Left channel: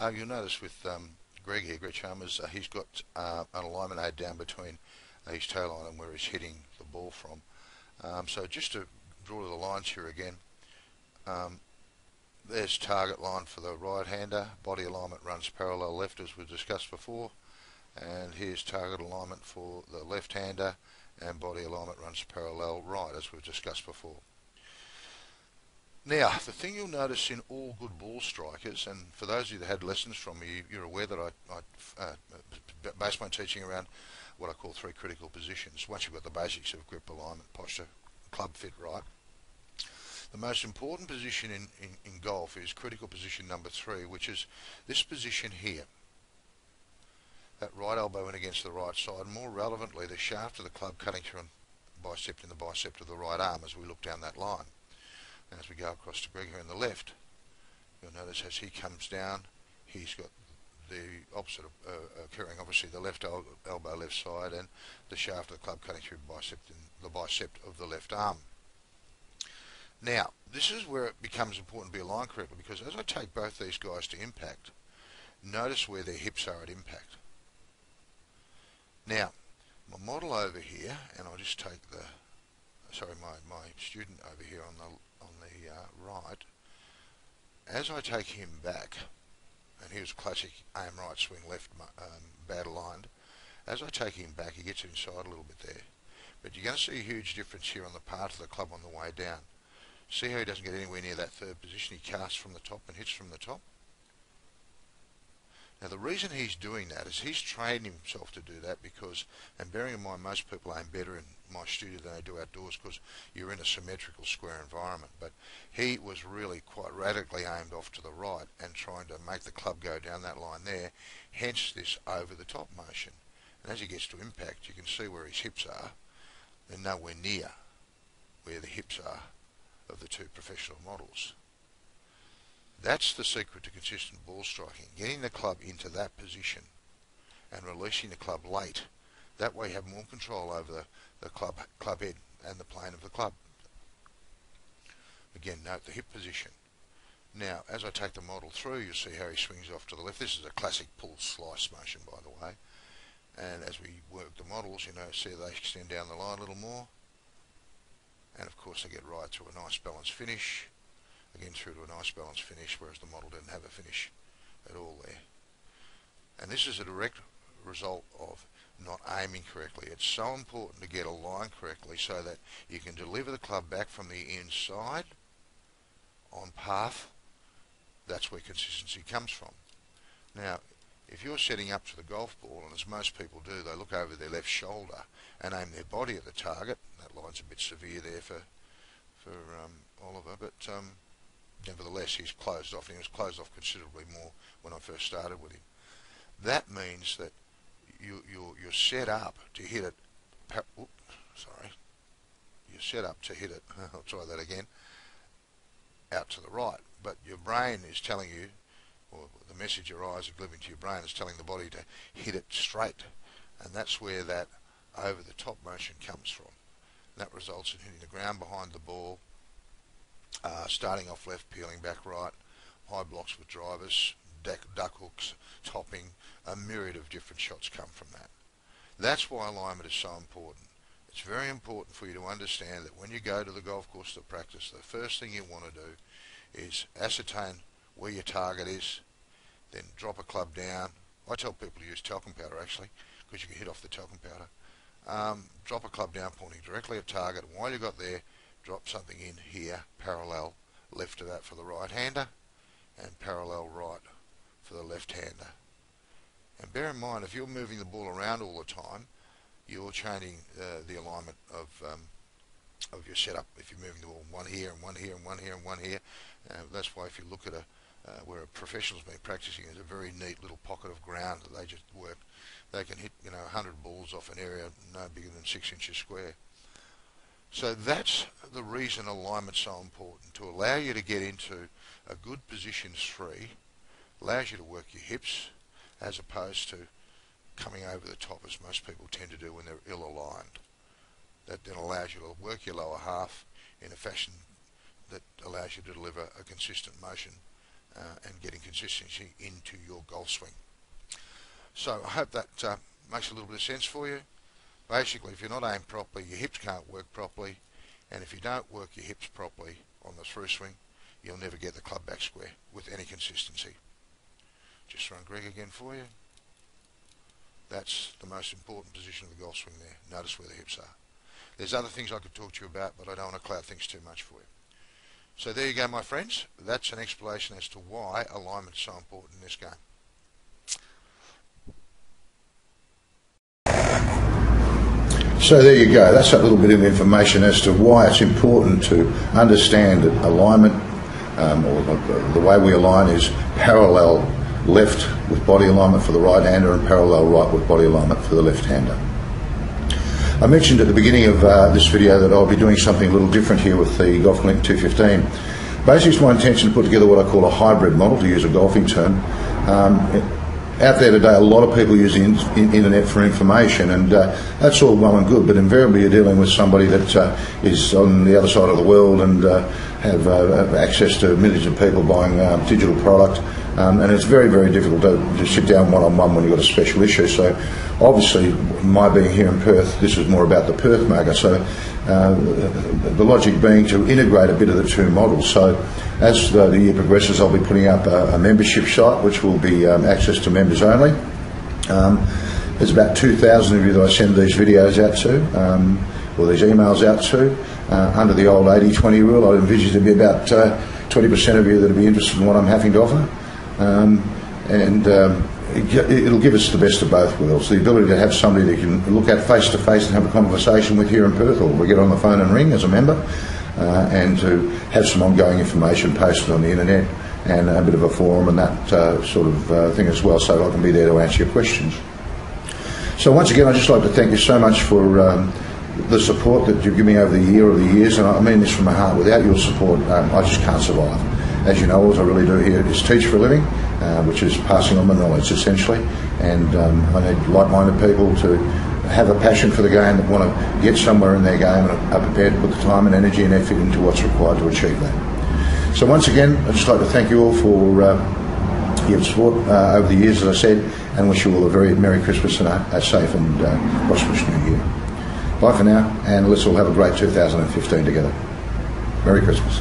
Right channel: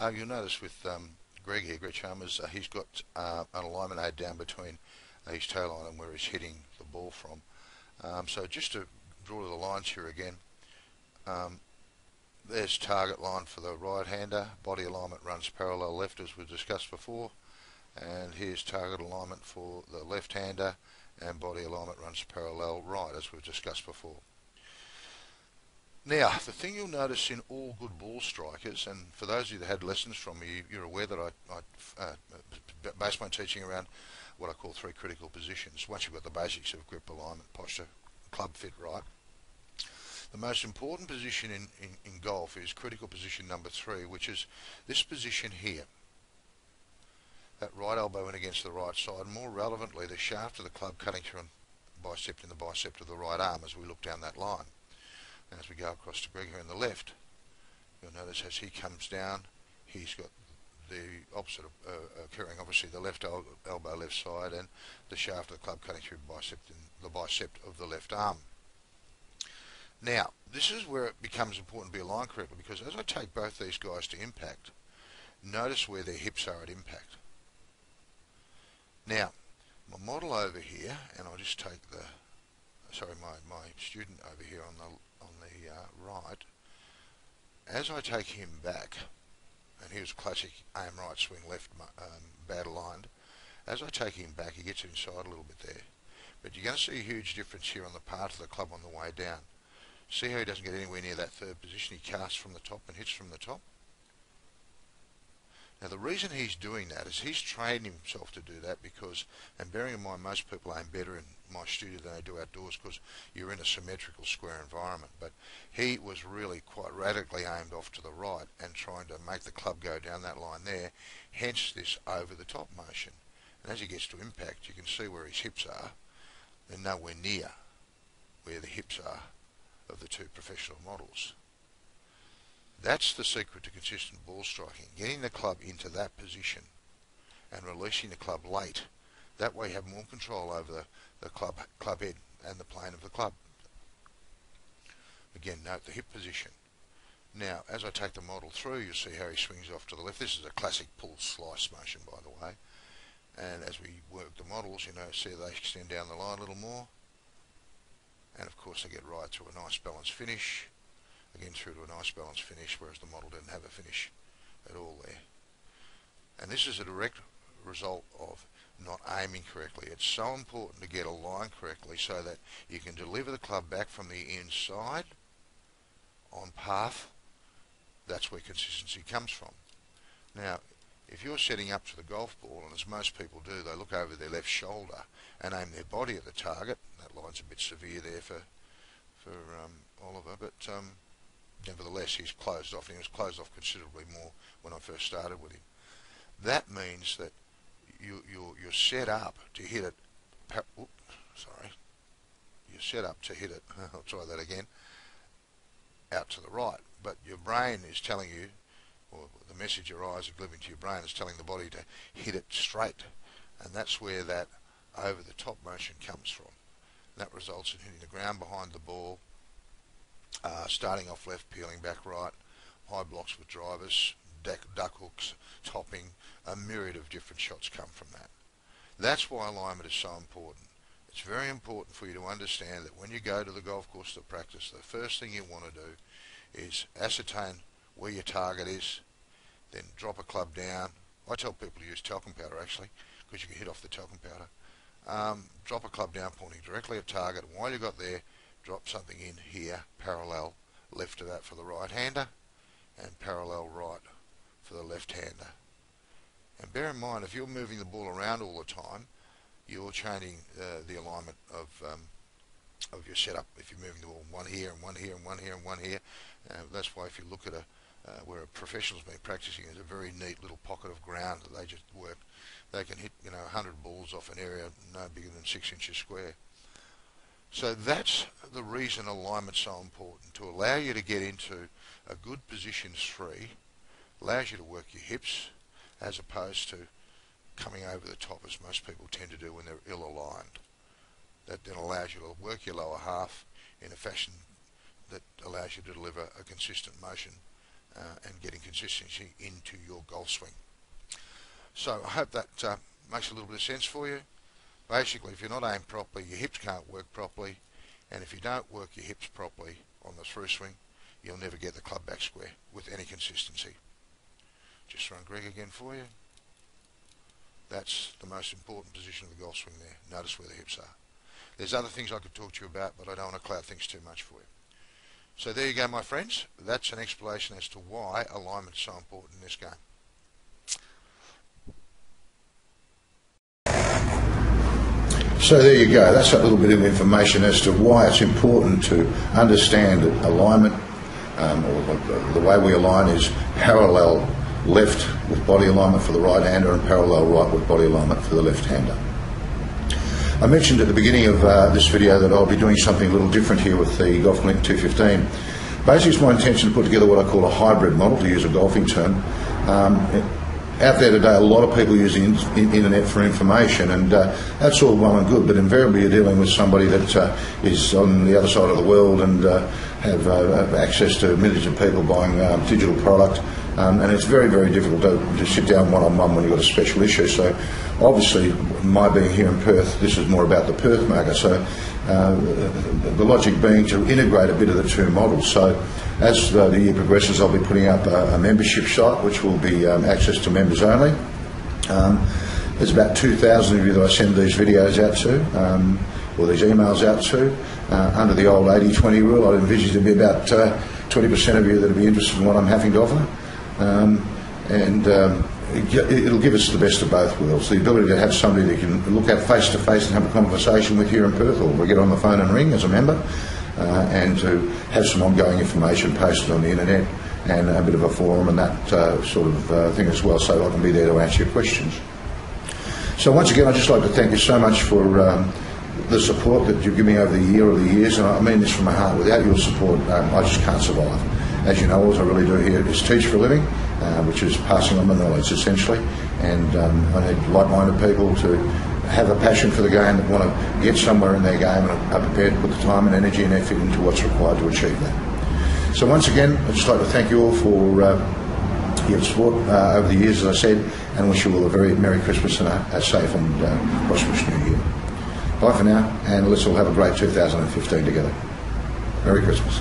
You'll notice with Greg here, Greg Chalmers, he's got an alignment aid down between his tail line and where he's hitting the ball from. So just to draw the lines here again, there's target line for the right-hander, body alignment runs parallel left as we've discussed before, and here's target alignment for the left-hander, and body alignment runs parallel right as we've discussed before. Now, the thing you'll notice in all good ball strikers, and for those of you that had lessons from me, you're aware that I base my teaching around what I call 3 critical positions. Once you've got the basics of grip, alignment, posture, club fit right, the most important position in golf is critical position number 3, which is this position here. That right elbow in against the right side, more relevantly the shaft of the club cutting through and bisecting the bicep of the right arm as we look down that line. And as we go across to Greg here on the left, you'll notice as he comes down, he's got the opposite occurring, obviously the left elbow left side and the shaft of the club cutting through the bicep of the left arm. Now, this is where it becomes important to be aligned correctly, because as I take both these guys to impact, notice where their hips are at impact. Now, my model over here, and I'll just take my student over here on the right, as I take him back, and here's classic aim right, swing left, bad aligned. As I take him back, he gets inside a little bit there. But you're going to see a huge difference here on the part of the club on the way down. See how he doesn't get anywhere near that third position? He casts from the top and hits from the top. Now the reason he's doing that is he's training himself to do that because, and bearing in mind most people aim better in my studio than they do outdoors because you're in a symmetrical square environment, but he was really quite radically aimed off to the right and trying to make the club go down that line there, hence this over the top motion. And as he gets to impact, you can see where his hips are. They're nowhere near where the hips are of the 2 professional models. That's the secret to consistent ball striking, getting the club into that position and releasing the club late. That way you have more control over the club head and the plane of the club. Again, note the hip position. Now, as I take the model through, you'll see how he swings off to the left. This is a classic pull slice motion, by the way. And as we work the models, you know, see they extend down the line a little more. And of course they get right to a nice balanced finish. Again through to a nice balanced finish, whereas the model didn't have a finish at all there. And this is a direct result of not aiming correctly. It's so important to get a line correctly so that you can deliver the club back from the inside on path. That's where consistency comes from. Now, if you're setting up to the golf ball, and as most people do, they look over their left shoulder and aim their body at the target. That line's a bit severe there for Oliver, but nevertheless he's closed off, and he was closed off considerably more when I first started with him. That means that you're set up to hit it. You're set up to hit it. I'll try that again. Out to the right, but your brain is telling you, or the message your eyes are delivering to your brain is telling the body to hit it straight, and that's where that over the top motion comes from. That results in hitting the ground behind the ball, starting off left, peeling back right, high blocks with drivers, duck hooks, topping, a myriad of different shots come from that. That's why alignment is so important. It's very important for you to understand that when you go to the golf course to practice, the first thing you want to do is ascertain where your target is, then drop a club down. I tell people to use talcum powder actually, because you can hit off the talcum powder. Drop a club down pointing directly at target, and while you got there, drop something in here, parallel left to that for the right-hander, and parallel right for the left-hander. And bear in mind, if you're moving the ball around all the time, you're changing the alignment of your setup. If you're moving the ball one here and one here and one here and one here, that's why if you look at where a professional's been practicing, there's a very neat little pocket of ground that they just work. They can hit 100 balls off an area no bigger than 6 inches square. So that's the reason alignment's so important, to allow you to get into a good position 3, allows you to work your hips as opposed to coming over the top as most people tend to do when they're ill-aligned. That then allows you to work your lower half in a fashion that allows you to deliver a consistent motion and getting consistency into your golf swing. So I hope that makes a little bit of sense for you. Basically, if you're not aimed properly, your hips can't work properly, and if you don't work your hips properly on the through swing, you'll never get the club back square with any consistency. Just throwing Greg again for you. That's the most important position of the golf swing there. Notice where the hips are. There's other things I could talk to you about, but I don't want to cloud things too much for you. So there you go, my friends. That's an explanation as to why alignment is so important in this game. So there you go. That's a little bit of information as to why it's important to understand that alignment, or the way we align, is parallel left with body alignment for the right-hander and parallel right with body alignment for the left-hander. I mentioned at the beginning of this video that I'll be doing something a little different here with the Golf Link 215. Basically, it's my intention to put together what I call a hybrid model, to use a golfing term. Out there today, a lot of people use the internet for information, and that's all well and good, but invariably you're dealing with somebody that is on the other side of the world and have access to millions of people buying digital product, and it's very, very difficult to sit down one-on-one when you've got a special issue. So obviously, my being here in Perth, this is more about the Perth market, so the logic being to integrate a bit of the two models. So as the year progresses, I'll be putting up a membership site which will be access to members only. There's about 2,000 of you that I send these videos out to, or these emails out to. Under the old 80-20 rule, I envisage there'll be about 20% of you that will be interested in what I'm having to offer. It'll give us the best of both worlds. The ability to have somebody that you can look at face to face and have a conversation with here in Perth, or we get on the phone and ring as a member, and to have some ongoing information posted on the internet and a bit of a forum and that sort of thing as well, so I can be there to answer your questions. So once again, I'd just like to thank you so much for the support that you've given me over the year or the years, and I mean this from my heart. Without your support, I just can't survive. As you know, all I really do here is teach for a living, which is passing on the knowledge essentially, and I need like-minded people to have a passion for the game, that want to get somewhere in their game and are prepared to put the time and energy and effort into what's required to achieve that. So once again, I'd just like to thank you all for your support over the years, as I said, and wish you all a very Merry Christmas and a safe and prosperous New Year. Bye for now, and let's all have a great 2015 together. Merry Christmas.